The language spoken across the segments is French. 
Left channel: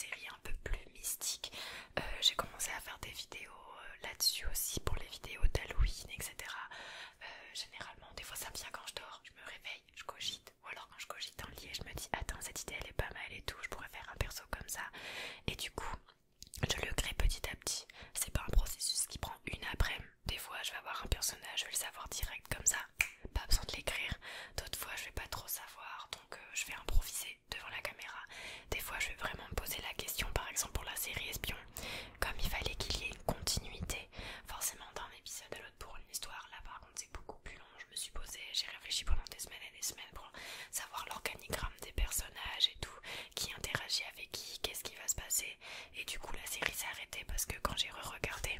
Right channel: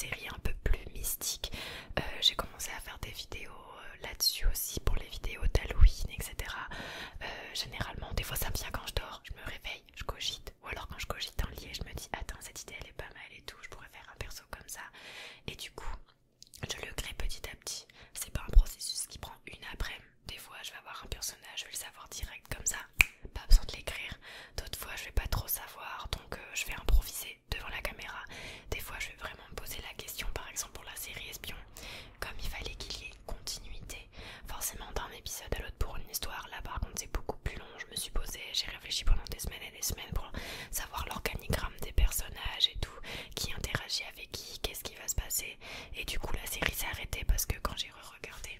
séries un peu plus mystiques. J'ai commencé à faire des vidéos là-dessus aussi pour les vidéos d'Halloween, etc. Généralement, des fois ça me vient quand je dors, je me réveille, je cogite, ou alors quand je cogite dans le lit et je me dis attends, cette idée elle est pas mal et tout, je pourrais faire un perso comme ça. Et du coup, je le crée petit à petit. C'est pas un processus qui prend une après-midi. Des fois je vais avoir un personnage, je vais le savoir direct comme ça, pas besoin de l'écrire. D'autres fois je vais pas trop savoir, donc je vais improviser devant la caméra. Des fois je vais vraiment me poser la question, par exemple pour la série Espion, comme il fallait qu'il y ait une continuité forcément d'un épisode à l'autre pour une histoire. Là par contre c'est beaucoup plus long, je me suis posée, j'ai réfléchi pendant des semaines et des semaines pour savoir l'organigramme des personnages et tout, qui interagit avec qui, qu'est-ce qui va se passer. Et du coup la série s'est arrêtée parce que quand j'ai re-regardé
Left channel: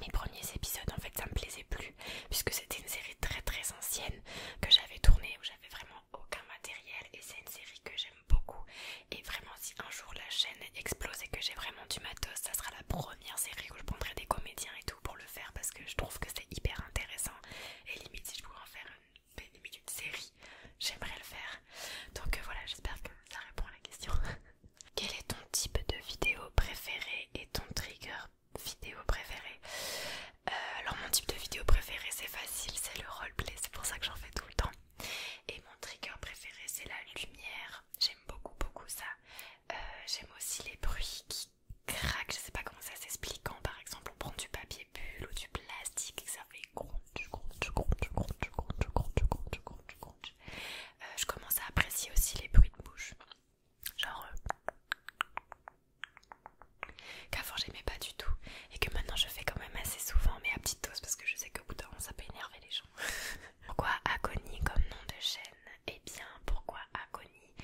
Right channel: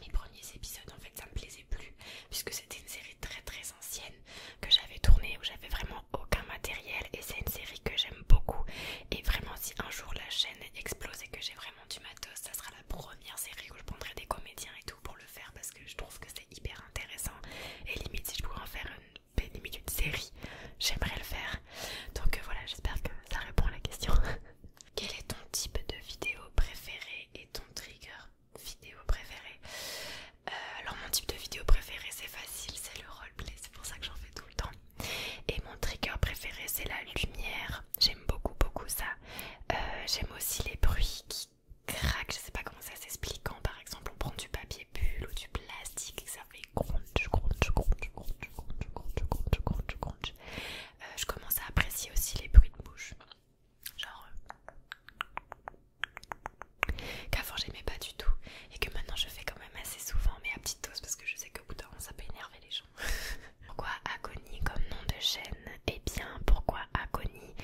mes premiers épisodes, en fait ça me plaisait plus, puisque c'était une série très très ancienne que j'avais tournée, où j'avais vraiment aucun matériel, et c'est une série que j'aime beaucoup. Et vraiment si un jour la chaîne explose et que j'ai vraiment du matos, ça sera la première série où je prendrai des comédiens et tout pour le faire, parce que je trouve que c'est hyper intéressant. Et limite si je pouvais en faire limite une série, j'aimerais le faire. Donc voilà, j'espère que ça répond à la question. Quel est ton type de vidéo préféré et ton trigger vidéo préféré? Alors mon type de vidéo préféré c'est facile, c'est le roleplay, c'est pour ça que j'en fais tout le temps. Et mon trigger préféré c'est la lumière, j'aime beaucoup ça. J'aime aussi les bruits qui craquent, je sais pas comment ça s'explique, quand par exemple on prend du papier bulle ou du plastique et que ça fait crunch, crunch, crunch, crunch, crunch, crunch, crunch, crunch, crunch. Je commence à apprécier aussi les bruits de bouche, genre qu'avant j'aimais pas du tout et que maintenant je fais quand même assez souvent, mais à petite dose parce que je sais qu'au bout d'un moment ça peut énerver les gens. Pourquoi Agony comme nom de chaîne? Eh bien pourquoi Agony?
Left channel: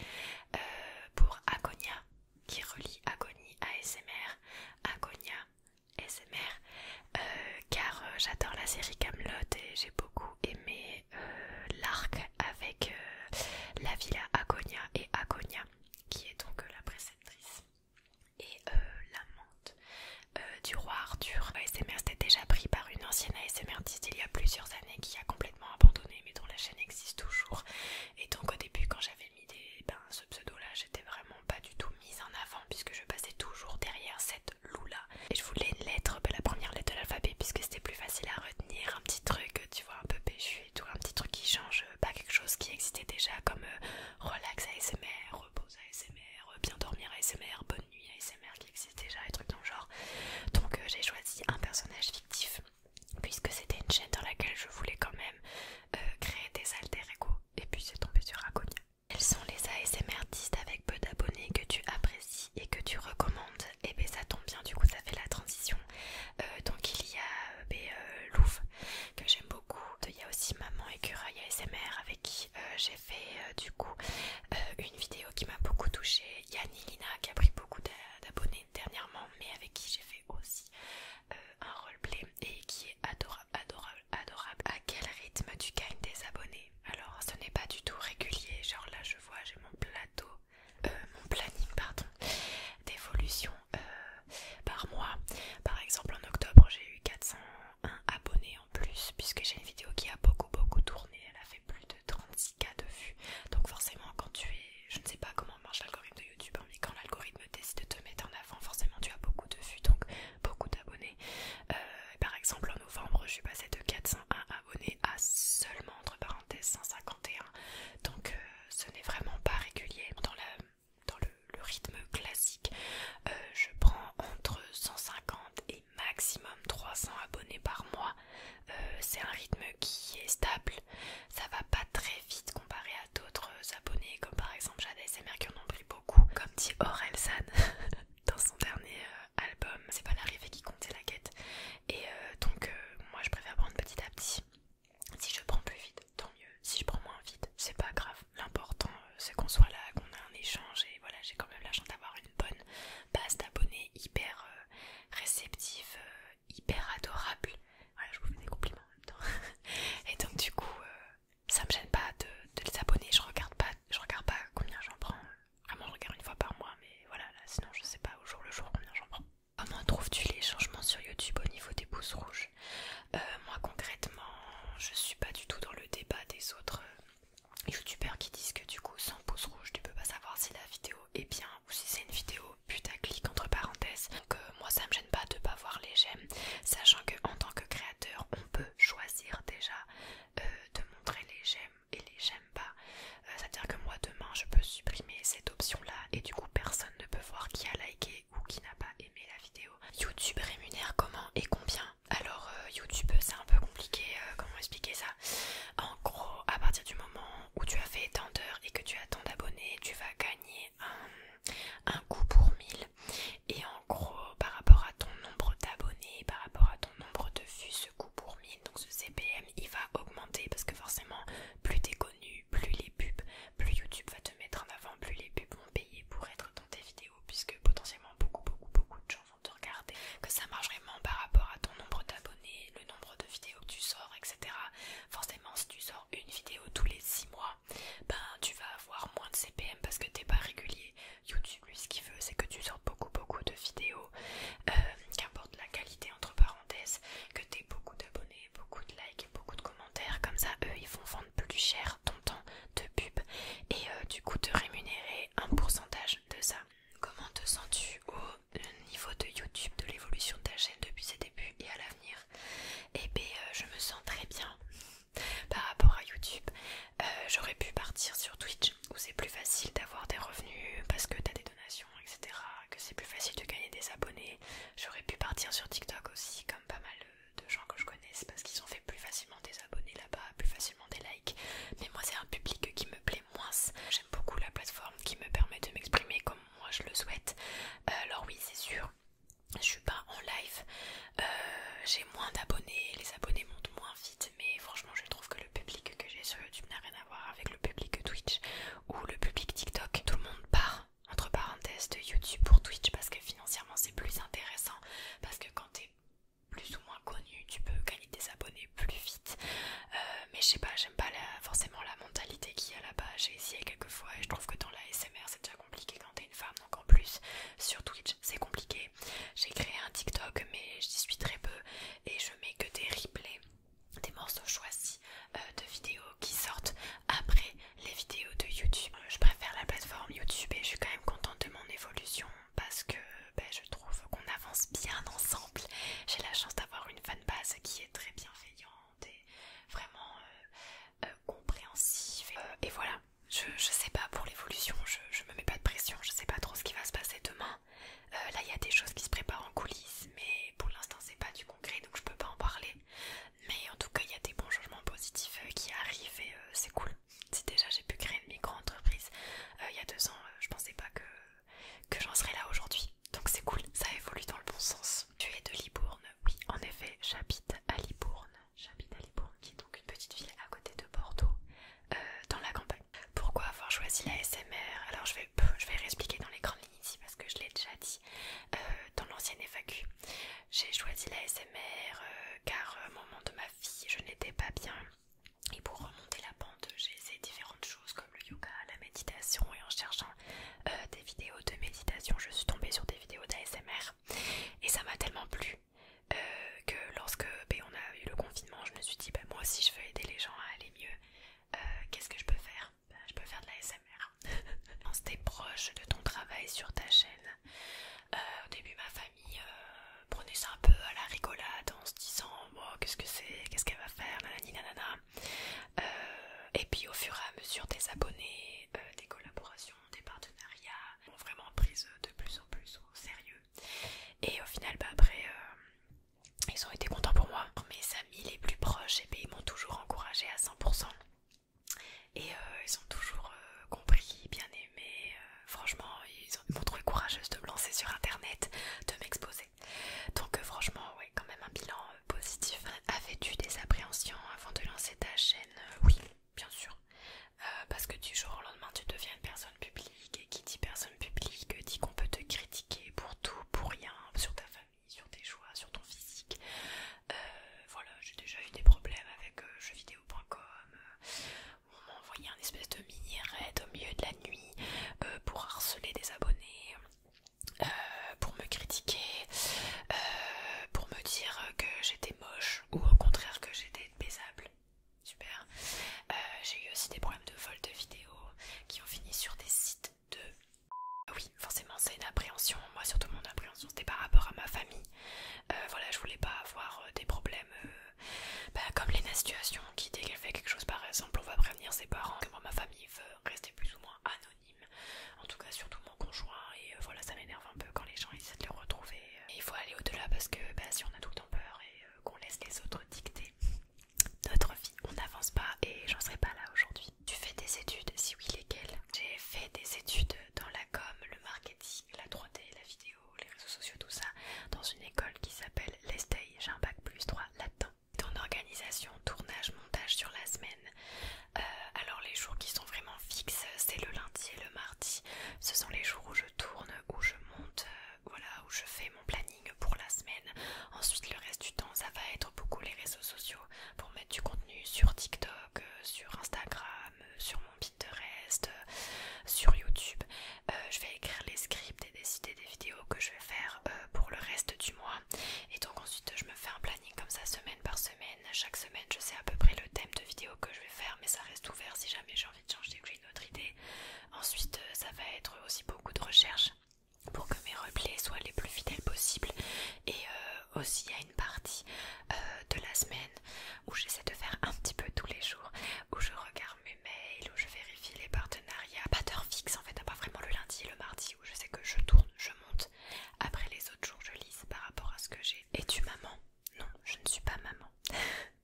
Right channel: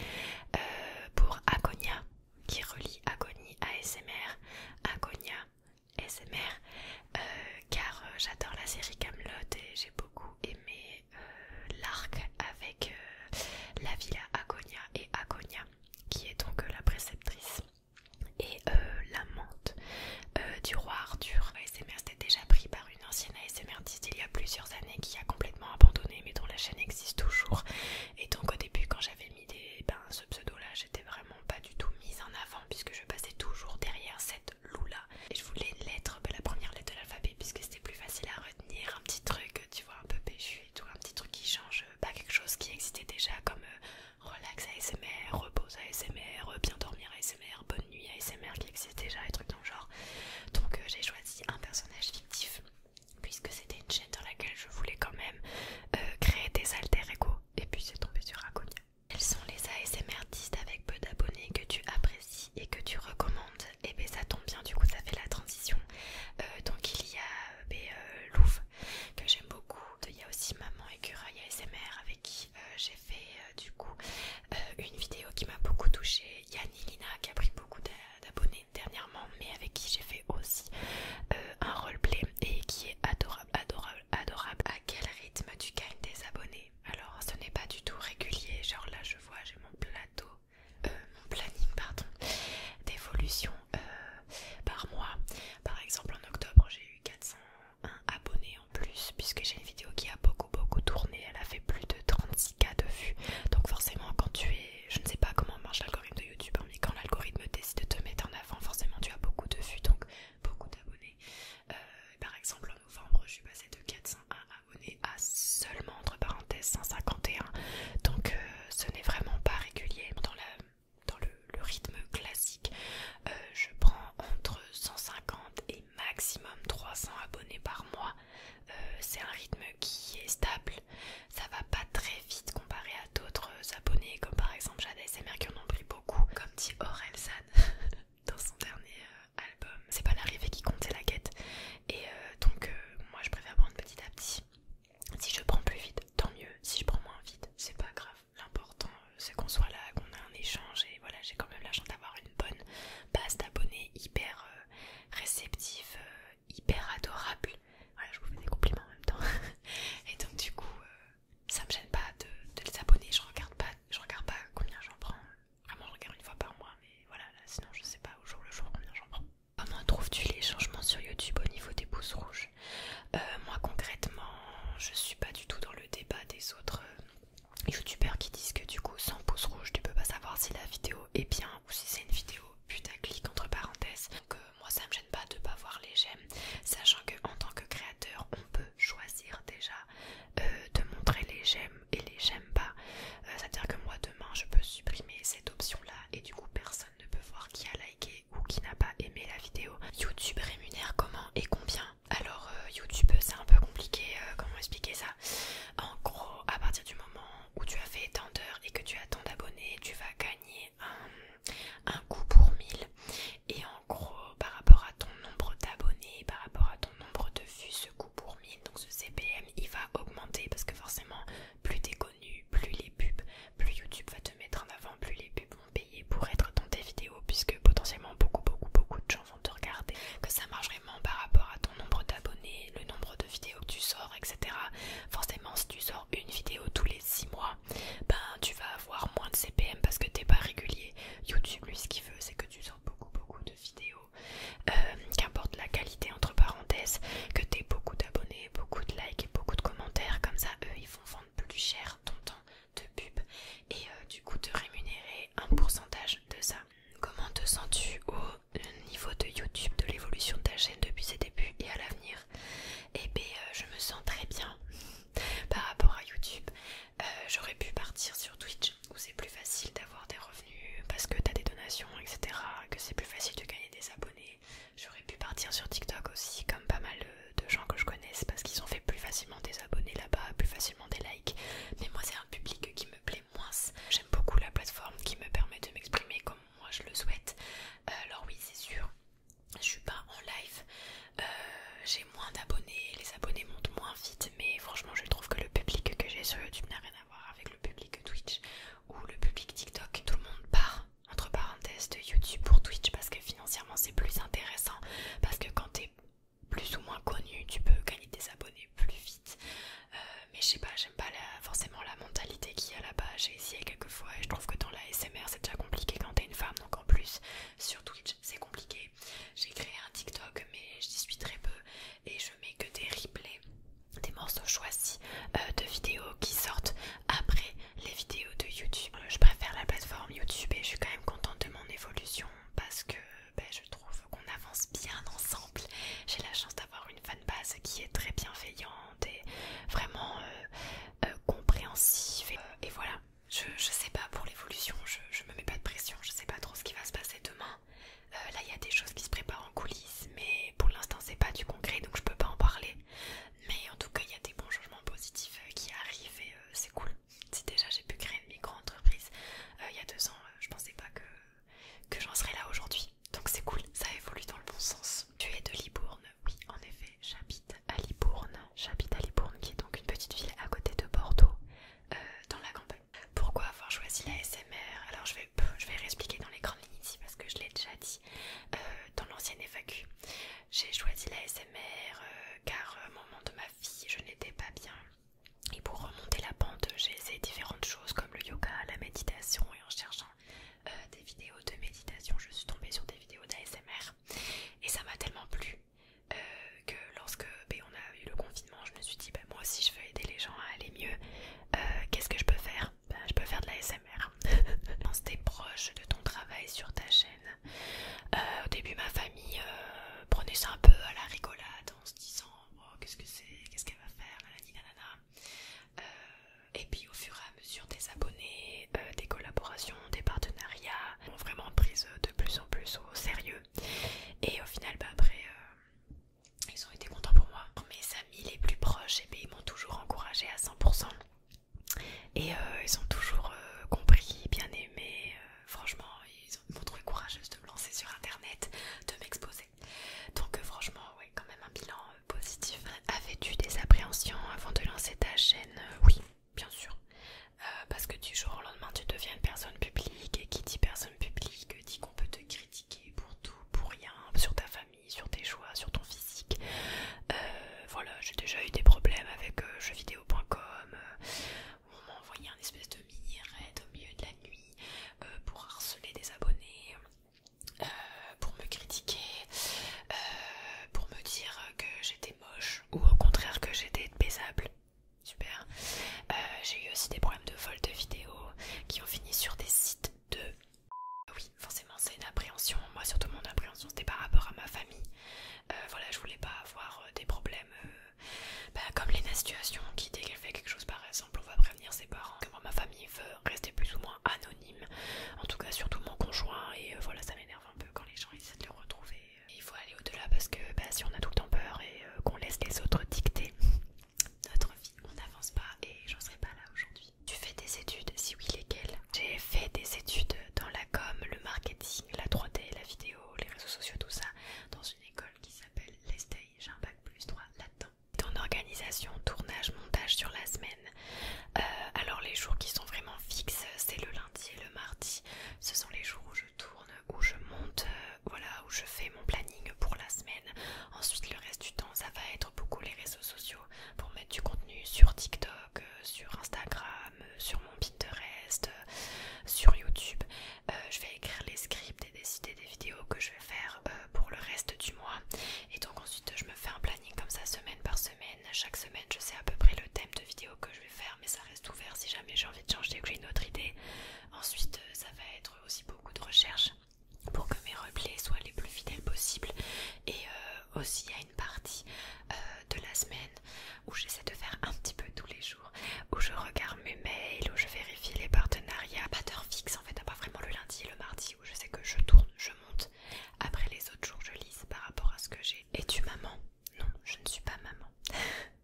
Pour Agonia, qui relie Agony ASMR, Agonia ASMR, car j'adore la série Camelot et j'ai beaucoup aimé l'arc avec la villa Agonia et Agonia, qui est donc la préceptrice et l'amante du roi Arthur. ASMR c'était déjà pris par une ancienne ASMR artiste il y a plusieurs années qui a complètement abandonné, mais dont la chaîne existe toujours. Et donc au début quand j'avais mis ce pseudo là, j'étais vraiment pas du tout mise en avant puisque je passais toujours derrière cette loup là. Et je voulais une lettre, la première lettre de l'alphabet, puisque c'était plus facile à retenir, un petit truc tu vois un peu péchu et tout, un petit truc qui change, pas quelque chose qui existait déjà comme relax ASMR, repose ASMR, bien dormir ASMR, bonne nuit ASMR qui existe déjà, et trucs dans le genre. Donc j'ai choisi un personnage fictif puisque c'était une chaîne dans laquelle je voulais quand même créer des alter ego, et puis c'est tombé sur Agonia. Quels sont les ASMR artistes avec peu d'abonnés que tu apprécies et que tu recommandes? Et bien ça tombe bien, du coup ça fait la transition. Donc il y a Louvre que j'aime beaucoup. Il y a aussi Maman Écureuil ASMR avec qui j'ai fait du coup une vidéo qui m'a beaucoup touchée. Il y a Nilina qui a pris beaucoup d'abonnés dernièrement, mais avec qui j'ai fait aussi un roleplay et qui est adorable, adorable, adorable. À quel rythme tu gagnes des abonnés? Alors ce n'est pas du tout régulier, genre là je vois j'ai mon planning pardon, d'évolution par mois. Par exemple en octobre j'ai eu 401 abonnés en plus, puisque j'ai une vidéo qui a beaucoup tourné, elle a fait plus de 36K de vues. Donc forcément quand tu es, je ne sais pas comment marche l'algorithme de YouTube, hein, mais quand l'algorithme décide de te mettre en avant, forcément tu as beaucoup de vues, donc beaucoup d'abonnés. ressens-tu au niveau de YouTube, de l'évolution de ta chaîne depuis ses débuts et à l'avenir? Eh bien, je me sens très bien par rapport à YouTube. J'aurais pu partir sur Twitch où c'est plus facile d'avoir des revenus parce que t'as des donations, etc. Que c'est plus facile de gagner des abonnés. J'aurais pu partir sur TikTok aussi, comme pas mal de gens que je connaisse, parce qu'ils ont fait plus facilement des abonnés là-bas, plus facilement des likes. Mais moi, c'est un public qui me plaît moins. J'aime beaucoup la plateforme qui me permet de m'exprimer comme moi je le souhaite. Alors oui, c'est sûr, je suis pas en live, j'ai moins d'abonnés, les abonnés montent moins vite, mais franchement je trouve que le public que j'ai sur YouTube n'a rien à voir avec le public Twitch ou le public TikTok. Tout le monde part entre parenthèses de YouTube pour Twitch parce que financièrement c'est plus intéressant, parce que quand t'es plus ou moins connu tu peux gagner des abonnés plus vite. Mais je sais pas, j'aime pas forcément la mentalité qu'il y a là-bas. J'ai essayé quelques fois et je trouve que dans la SMR c'est déjà compliqué quand t'es une femme, donc en plus sur Twitch c'est compliqué. J'ai créé un TikTok mais j'y suis très peu et je mets que des replays, des morceaux choisis de vidéos qui sortent après les vidéos de YouTube. Je préfère la plateforme YouTube et je suis quand même contente de mon évolution parce que je trouve qu'on avance bien ensemble. J'ai la chance d'avoir une fanbase qui est très bienveillante et vraiment compréhensive. Et voilà, je sais pas pour l'évolution, je me mets pas de pression, je sais pas trop ce qui va se passer demain. Là il y a des choses qui se préparent en coulisses, mais pour l'instant c'est pas du concret donc je peux pas en parler. Mais en tout cas il y a des bons changements positifs qui arrivent et c'est cool. Si déjà j'ai pu créer une micro-entreprise il y a 2 ans, je pensais pas que j'en serais là aujourd'hui. Donc c'est cool, ça évolue dans le bon sens. Tu es de Libourne? Oui, en effet, j'habite à Libourne. J'habite à Libourne qui est donc une petite ville à côté de Bordeaux, dans la campagne. Pourquoi avoir choisi la SMR? Alors je vais réexpliquer dans les grandes lignes ici parce que je l'ai déjà dit dans l'ancienne FAQ. J'ai choisi la SMR car au moment de ma vie je n'étais pas bien. Et pour remonter la pente, j'ai essayé différentes choses comme le yoga, la méditation et en cherchant des vidéos de méditation, je suis tombée sur des vidéos d'ASMR et ça m'a tellement plu que lorsque on a eu le confinement, je me suis dit moi aussi je veux aider les gens à aller mieux. Qu'est-ce que je peux faire? Je peux faire de l'ASMR. Pense t'es proche de ton travail sur ta chaîne. Au début ma famille prenait ça un peu à la rigolade en se disant qu'est-ce que c'est, qu'est-ce qu'elle va faire, nanani nanana. Et puis au fur et à mesure des abonnés, des collaborations, des partenariats m'ont vraiment prise de plus en plus au sérieux. Et au final après ils ont été contents pour moi. Mes amis les plus proches ils m'ont toujours encouragée à 100%. Et ils ont toujours compris, bien aimé. Franchement ils m'ont trouvé courageuse de me lancer sur internet, de m'exposer. Donc franchement ouais, quand même un bilan positif. Avais-tu des appréhensions avant de lancer ta chaîne? Oui, bien sûr. Parce que du jour au lendemain tu deviens une personne publique et qui dit personne publique dit qu'on peut te critiquer pour tout, pour rien, sur ta famille, sur tes choix, sur ton physique. Voilà, j'ai déjà eu des problèmes avec jeuxvideo.com où on m'a envoyé un espèce de mini raid au milieu de la nuit pour harceler des abonnés, pour me critiquer, pour me dire que j'étais moche ou au contraire que j'étais baisable. Super. J'ai eu aussi des problèmes de vol de vidéos qui ont fini sur des sites de... Oui, forcément c'est une appréhension. Moi surtout mon appréhension c'était par rapport à ma famille. Voilà, je voulais pas avoir des problèmes comme Lena Situation qui dès qu'elle fait quelque chose par exemple on va prévenir ses parents. Que moi ma famille veut rester plus ou moins anonyme. En tout cas surtout mon conjoint et voilà ça m'énerve un peu quand les gens essaient de le retrouver. Et il faut aller au-delà parce que si on a tout le temps peur et qu'on laisse les autres dicter notre vie, on n'avance pas et j'en serais pas là aujourd'hui. Tu fais des études? Si oui, lesquelles? J'ai fait des études dans la com, le marketing, la 3D, la vidéo, les réseaux sociaux, tout ça, dans une école qui s'appelle l'ESTEI. J'ai un bac +3 là-dedans. En organisation, tournage, montage sur la semaine. Alors les jours qui sont vraiment fixes, c'est le lundi et le mardi. Ce sont les jours où je tourne, où je monte, voilà, où je fais mon planning pour la semaine. Ensuite le reste du temps ça va être beaucoup les réseaux sociaux pour mettre du contenu sur TikTok, sur Instagram, sur mon Pinterest, sur YouTube. Je vais écrire les scripts et décider des vidéos que je vais faire pour le reste du mois. Et donc ensuite je me fais un planning comme ça semaine par semaine. Chaque semaine je sais à peu près le thème de vidéo que je vais faire, mais ça reste ouvert si jamais j'ai envie de changer ou que j'ai une autre aussi il y a une partie de la semaine où j'essaie de faire un petit peu tous les jours, où je regarde mes mails, où je vérifie les partenariats, pas d'heure fixe en fait, à part vraiment le lundi et le mardi où je sais que je tourne, je monte. Après les autres jours je lise par rapport à ce que j'ai. Es-tu maman? Non, je ne suis pas maman.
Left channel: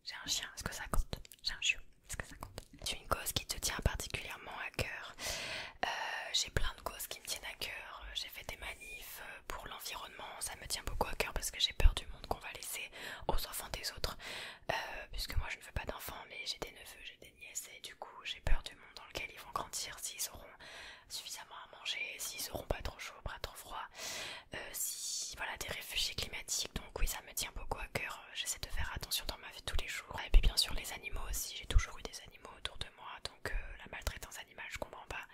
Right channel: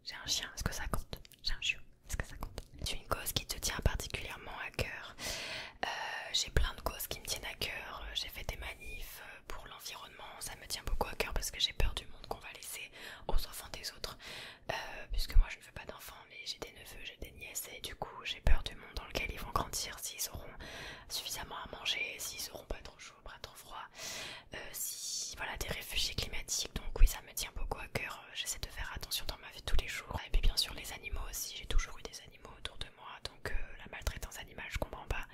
J'ai un chien, est-ce que ça compte? J'ai un chiot, est-ce que ça compte? C'est une cause qui te tient particulièrement à cœur. J'ai plein de causes qui me tiennent à cœur. J'ai fait des manifs pour l'environnement, ça me tient beaucoup à cœur parce que j'ai peur du monde qu'on va laisser aux enfants des autres. Puisque moi je ne veux pas d'enfants, mais j'ai des neveux, j'ai des nièces et du coup j'ai peur du monde dans lequel ils vont grandir, s'ils auront suffisamment à manger, s'ils auront pas trop chaud, pas trop froid, si voilà, des réfugiés climatiques. Donc oui, ça me tient beaucoup à cœur. J'essaie de faire attention dans ma vie tous les jours. Et puis bien sûr les animaux aussi, j'ai toujours eu des animaux autour de moi, donc la maltraitance animale je comprends pas.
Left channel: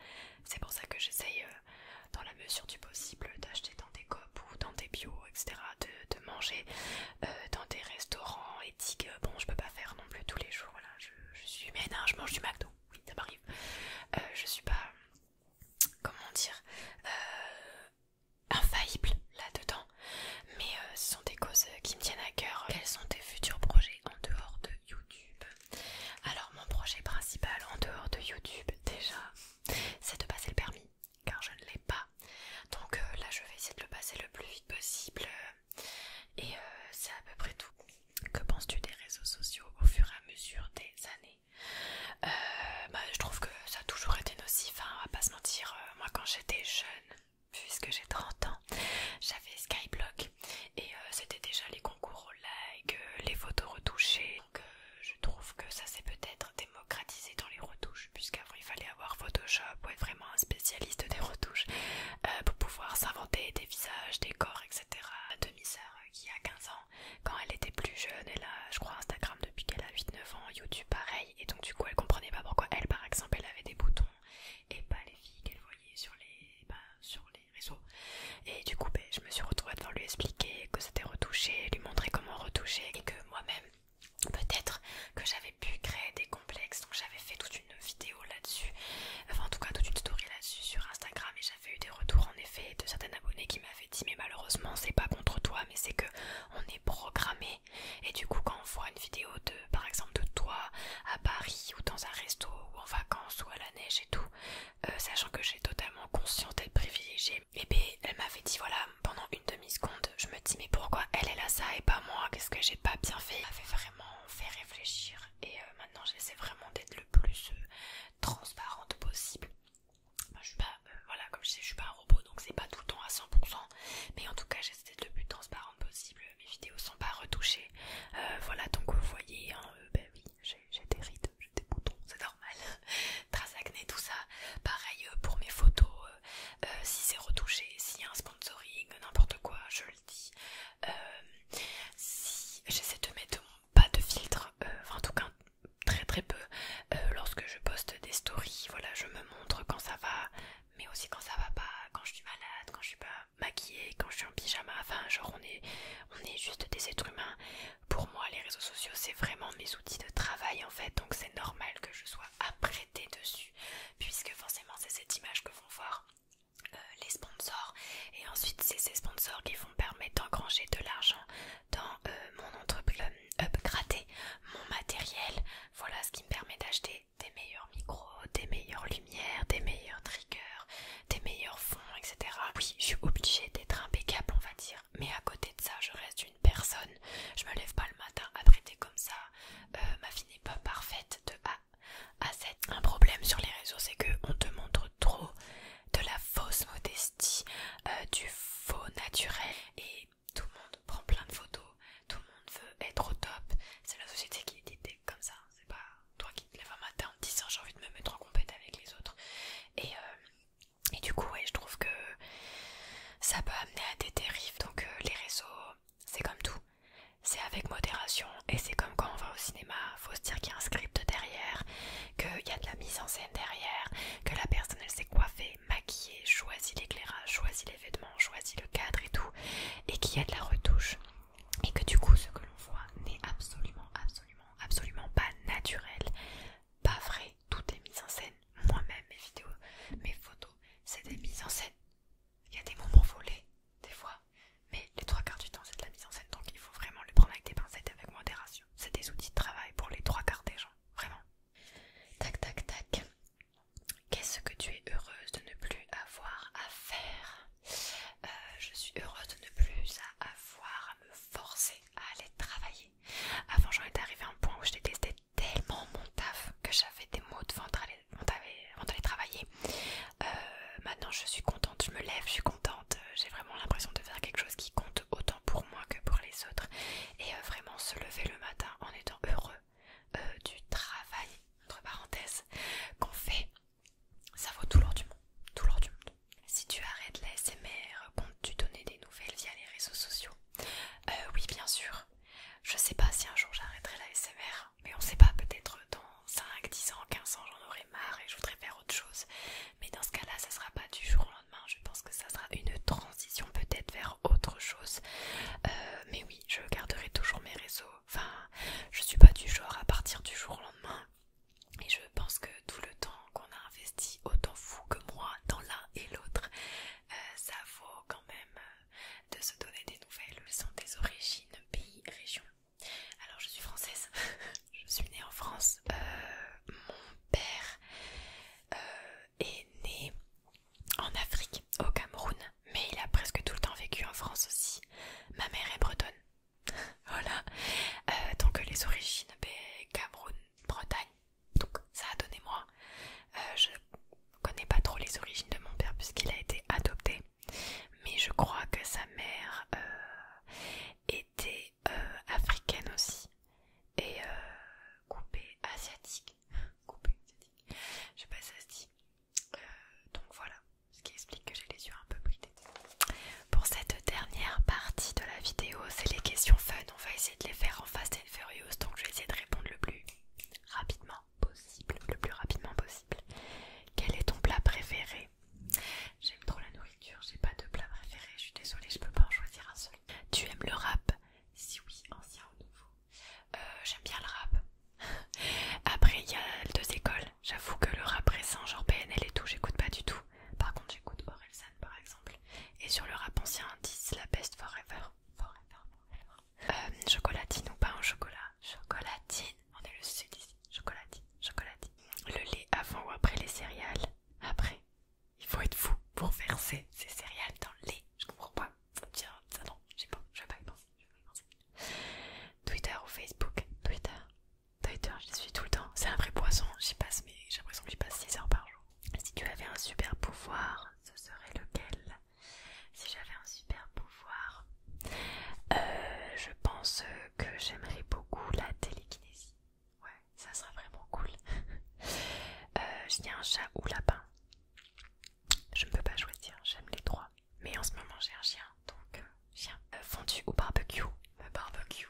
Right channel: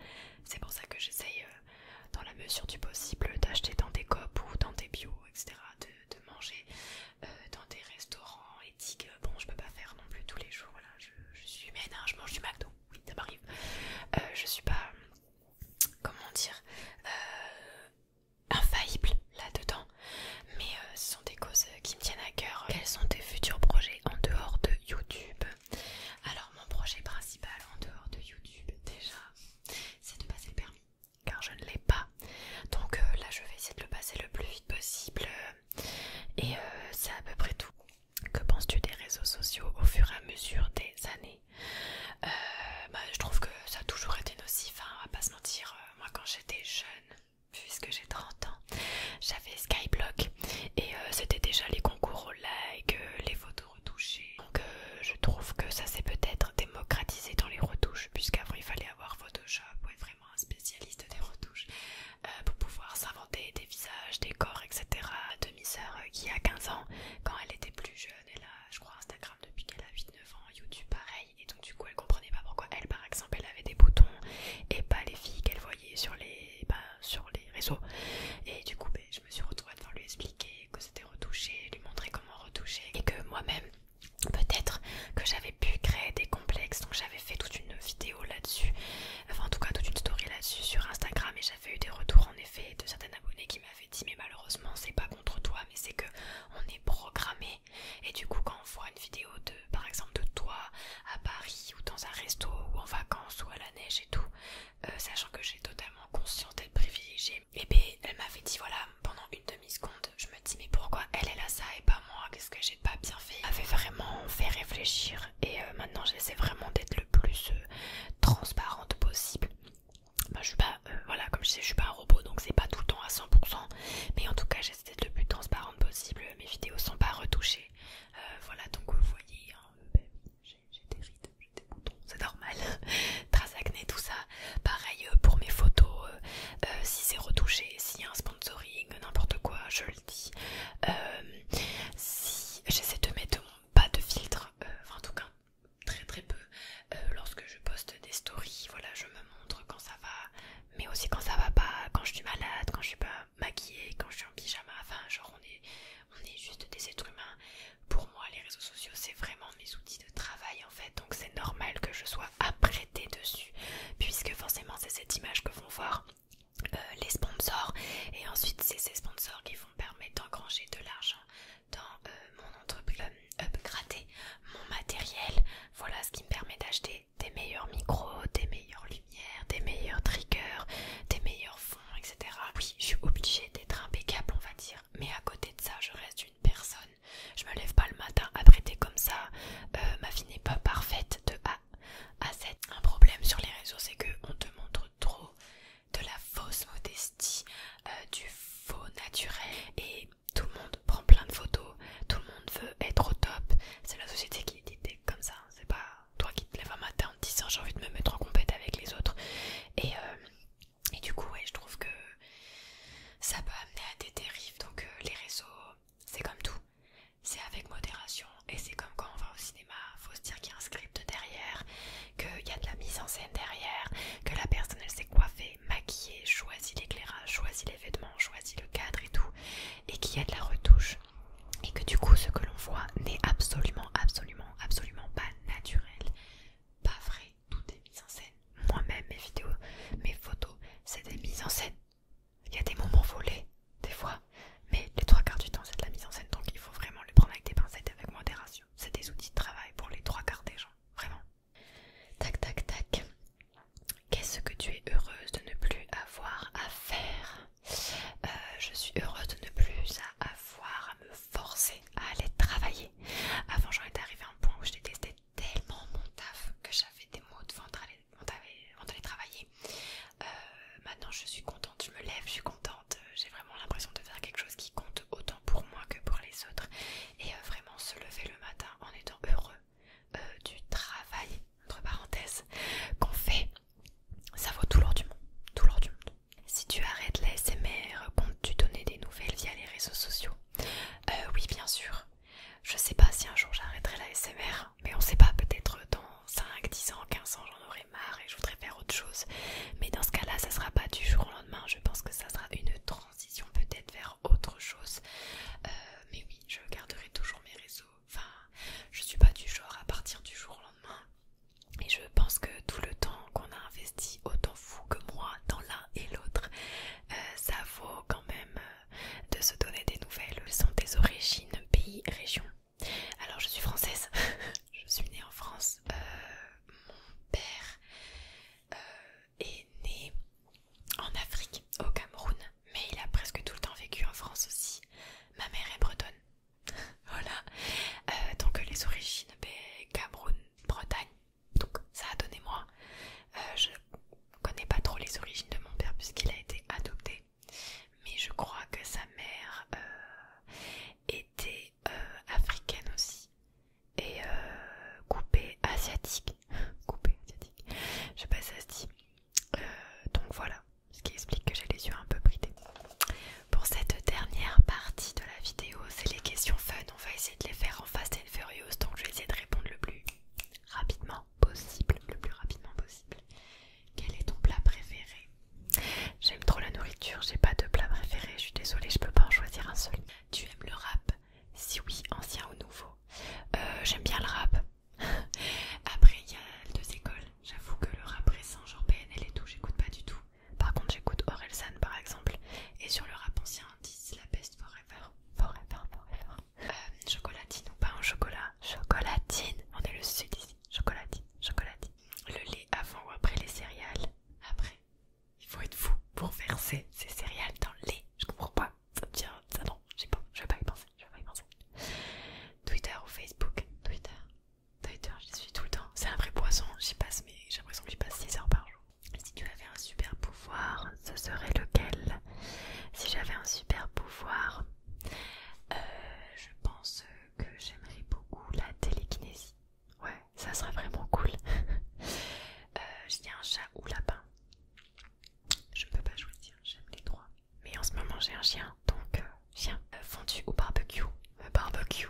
C'est pour ça que j'essaye dans la mesure du possible d'acheter dans des coop ou dans des bio, etc., de manger dans des restaurants éthiques. Bon, je peux pas faire non plus tous les jours, là je suis humaine, hein, je mange du McDo, oui ça m'arrive. Je suis pas, comment dire, infaillible là-dedans, mais ce sont des causes qui me tiennent à cœur. Quels sont tes futurs projets en dehors de YouTube? Alors mon projet principal en dehors de YouTube déjà, c'est de passer le permis, car je ne l'ai pas. Donc là je vais essayer de le passer le plus vite possible. Et c'est à peu près tout. Que penses-tu des réseaux sociaux au fur et à mesure des années? Je trouve que ça a toujours été nocif, hein, on va pas se mentir. Moi quand j'étais jeune, puisque j'ai 30 ans, j'avais Skyblock et c'était déjà les concours au like, les photos retouchées. Donc je trouve que ça s'est peut-être démocratisé dans les retouches, puisqu'avant il fallait avoir Photoshop ou être vraiment un spécialiste des retouches pour pouvoir s'inventer des visages, des corps, etc. Ma demi-sœur qui a 15 ans, quand elle était plus jeune, elle a je crois Instagram depuis qu'elle a 8-9 ans, YouTube pareil, et donc du coup elle comprenait pas pourquoi elle par exemple elle avait des boutons et pas les filles qu'elle voyait sur les réseaux. Et du coup je me suis retrouvée à devoir lui expliquer que c'était retouché, lui montrer comment retoucher, et que moi-même peut-être que j'avais pu créer des complexes. Donc j'avais fait toute une vidéo là-dessus, enfin en tout cas toute une story là-dessus sur Instagram, et j'avais eu des retours en effet de certains abonnés qui m'avaient dit mais malheureusement c'est pas contre toi, mais c'est que on est programmé, et du coup quand on voit une vidéo de par exemple de toi à Paris ou dans un resto ou en vacances ou à la neige et tout, sachant que j'ai totalement conscience d'être privilégiée, et bien elle m'avait dit voilà, pendant une demi-seconde je me dis mais pourquoi elle a ça et pas moi, qu'est-ce que j'ai pas bien fait. Elle m'avait vraiment fait réfléchir, et maintenant j'essaie vraiment d'être le plus transparente possible. Je suis pas, voilà, comme je sais, je suis pas un robot, donc c'est pas tout le temps à 100%, mais en tout cas j'essaie d'être le plus transparente possible. Mes vidéos sont pas retouchées, voilà, donc vous voyez, hein, oui, j'ai des rides, j'ai des boutons, c'est normal. Traces acné, tout ça. Pareil pour mes photos, si c'est retouché, s'il y a un sponsoring, n'importe quoi, je le dis. Si j'essaie de mettre pas de filtre, enfin en tout cas très très peu, lorsque je poste des stories, voilà, je me montre quand ça va, mais aussi quand ça va pas, quand je suis malade, quand je suis pas maquillée, quand je suis en pyjama, enfin genre on est juste des êtres humains. Pour moi les réseaux sociaux c'est vraiment mes outils de travail en fait, donc c'est normal que je sois apprêtée dessus, puisque forcément c'est cette image que vont voir les sponsors, et ensuite c'est ces sponsors qui vont permettre d'engranger de l'argent dans mon entreprise, upgrader mon matériel. Voilà ce qui me permet d'acheter des meilleurs micros, des meilleures lumières, des meilleurs triggers, des meilleurs fonds, etc. Oui, je suis obligée d'être impeccable, on va dire, mais à côté de ça je reste une personne. Je me lève pas le matin apprêtée comme ça, ma vie n'est pas parfaite de A à Z. Un problème sur les réseaux, c'est qu'on te montre trop de la fausse modestie, du faux naturel, et tout le monde prend plein de photos, tout le monde veut être au top. C'est la société qui est dictée comme ça, c'est pas toi qui te lèves un matin en te disant j'ai envie de me mettre en compète avec les autres. Et du coup ouais, je trouve que ça peut amener à des dérives. Donc les réseaux c'est comme tout, c'est avec modération, et c'est comme quand on va au cinéma, faut se dire qu'il y a un script derrière, qu'il y a de la mise en scène derrière, que la personne elle s'est coiffée, maquillée, choisit l'éclairage, choisit les vêtements, choisit le cadre et tout, et qu'il y a de la retouche, et que du coup ce que l'on voit n'est absolument pas naturel, pas vrai. Tout est mis en scène. Moi-même mes vidéos, mes photos, c'est des mises en scène. Il y a des moments volés des fois, mais les trois quarts du temps c'est de la mise en scène, donc il faut fondue ou barbecue? Barbecue.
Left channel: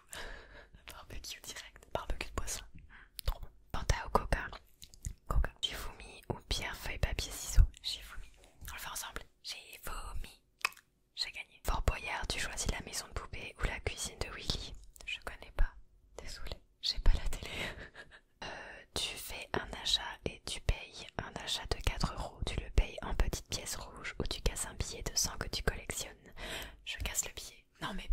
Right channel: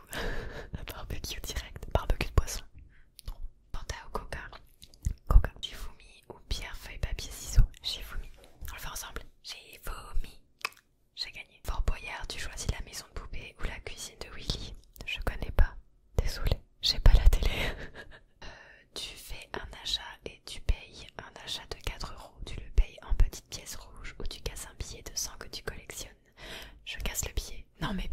Barbecue direct. Barbecue de poisson. Trop bon. Fanta ou Coca? Coca. Shifumi ou pierre, feuille, papier, ciseaux? Shifumi. On le fait ensemble. Shifumi. J'ai gagné. Fort Boyard, tu choisis la maison de poupée ou la cuisine de Willy? Je connais pas. Désolée, j'ai pas la télé. Tu fais un achat et tu payes un achat de 4 euros. Tu le payes en petites pièces rouges ou tu casses un billet de 100 que tu collectionnes. Je casse le billet. Non mais